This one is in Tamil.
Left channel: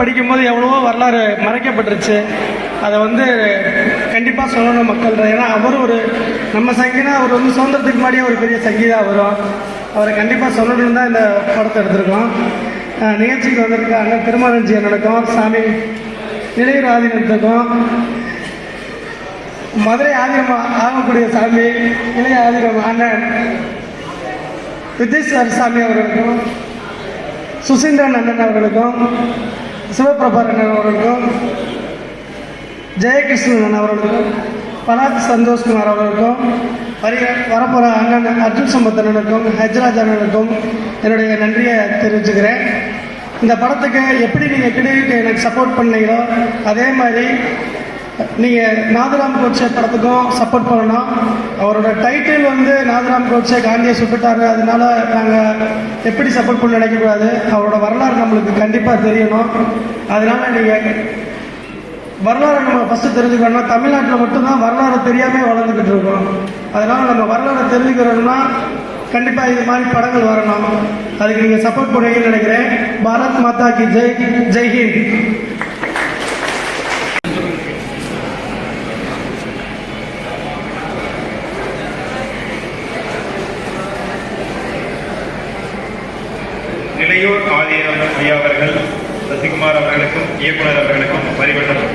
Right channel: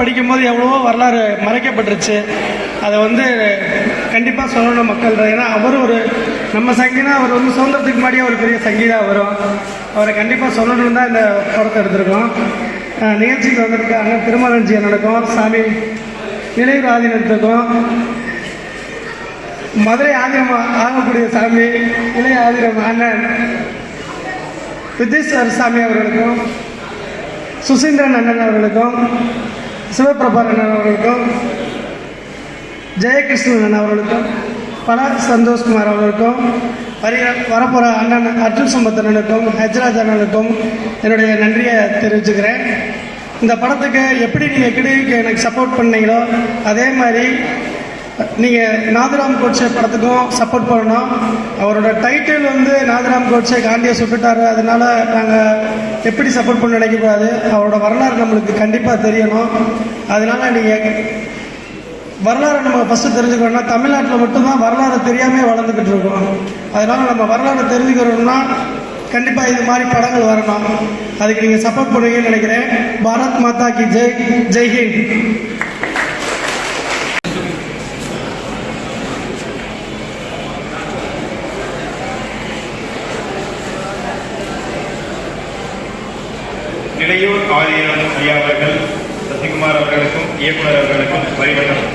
படிக்கும்போது எவ்வளவோ வரலாறு மறைக்கப்பட்டுருச்சு. அதை வந்து கண்டிப்பாக சொல்லணும் மக்கள் ஏன்னா அவர் ஒரு நம்ம சங்கீதம் அவர் வந்து சுதந்திரத்துக்கு முன்னாடியே ஒரு பெரிய சங்கீதா வரும் அவரை கண்டிப்பாக சொல்லணும்னு தான் இந்த படத்தை எடுத்திருக்கோம். நிகழ்ச்சிக்கு வந்திருக்காங்க திருமலஞ்சி இருக்கும் சாமி இளையராஜன் ஆதீனத்துக்கும் மதுரை ஆதீனம் ஆகக்கூடிய சாமி இளைய ஆதீனம் அண்ணன் வித்யேஸ்வர் சாமி அவர்களுக்கும் சுசீந்திரன் அண்ணன் அவர்களுக்கும் சிவபிரபாகரன் அவர்களுக்கும் ஜெயகிருஷ்ணன் அவர்களுக்கும் பலாத் சந்தோஷ்குமார் அவர்களுக்கும் வருகிற வரப்போகிற அண்ணன் அர்ஜுன் சம்பத்தனனுக்கும் ஹஜ்ராஜ் அண்ணனுக்கும் என்னுடைய நன்றியை தெரிவிச்சுக்கிறேன். இந்த படத்துக்கு எப்படி நீங்கள் கிடுக்கு எனக்கு சப்போர்ட் பண்ணீங்களோ அதே மாதிரி நீங்கள் நாதராம் கோட்சே படத்துக்கும் சப்போர்ட் பண்ணணும். அவரோட டைட்டில் வந்து நாதராம் கோட்சே காந்தியை சுட்டுட்டாரு. அதனால நாங்கள் எப்படி சப்போர்ட் பண்ண நினைக்கக்கூடாது. அவரோட வரலாறு நம்மளுக்கு கண்டிப்பாக தெரியணும். அதனால நீங்கள் வரலாறு நம்ம ஃபஸ்ட்டு தெரிஞ்சுக்கணும்னா தமிழ்நாட்டில் மட்டும்தான் வரலாறு தெரியாமல் வளர்ந்துக்கிட்டு இருக்கோம். அதனால நம்ம வரலாறு தெரிஞ்சுக்கிறோம்னா கண்டிப்பாக இது மாதிரி படங்கள் வரணும். அதுக்கு நீங்கள் சப்போர்ட் பண்ணுவீங்கன்னு நினைக்கிறேன். பாரத் மாதா கி ஜெய். ஜெய்ஹிந்த் இளையோர் ஆதிநாதன் ஐயா அவர்கள் சசிகுமார் அவர்களுக்கும் இயக்குநர் அவர்களுக்கும் வரிவட்ட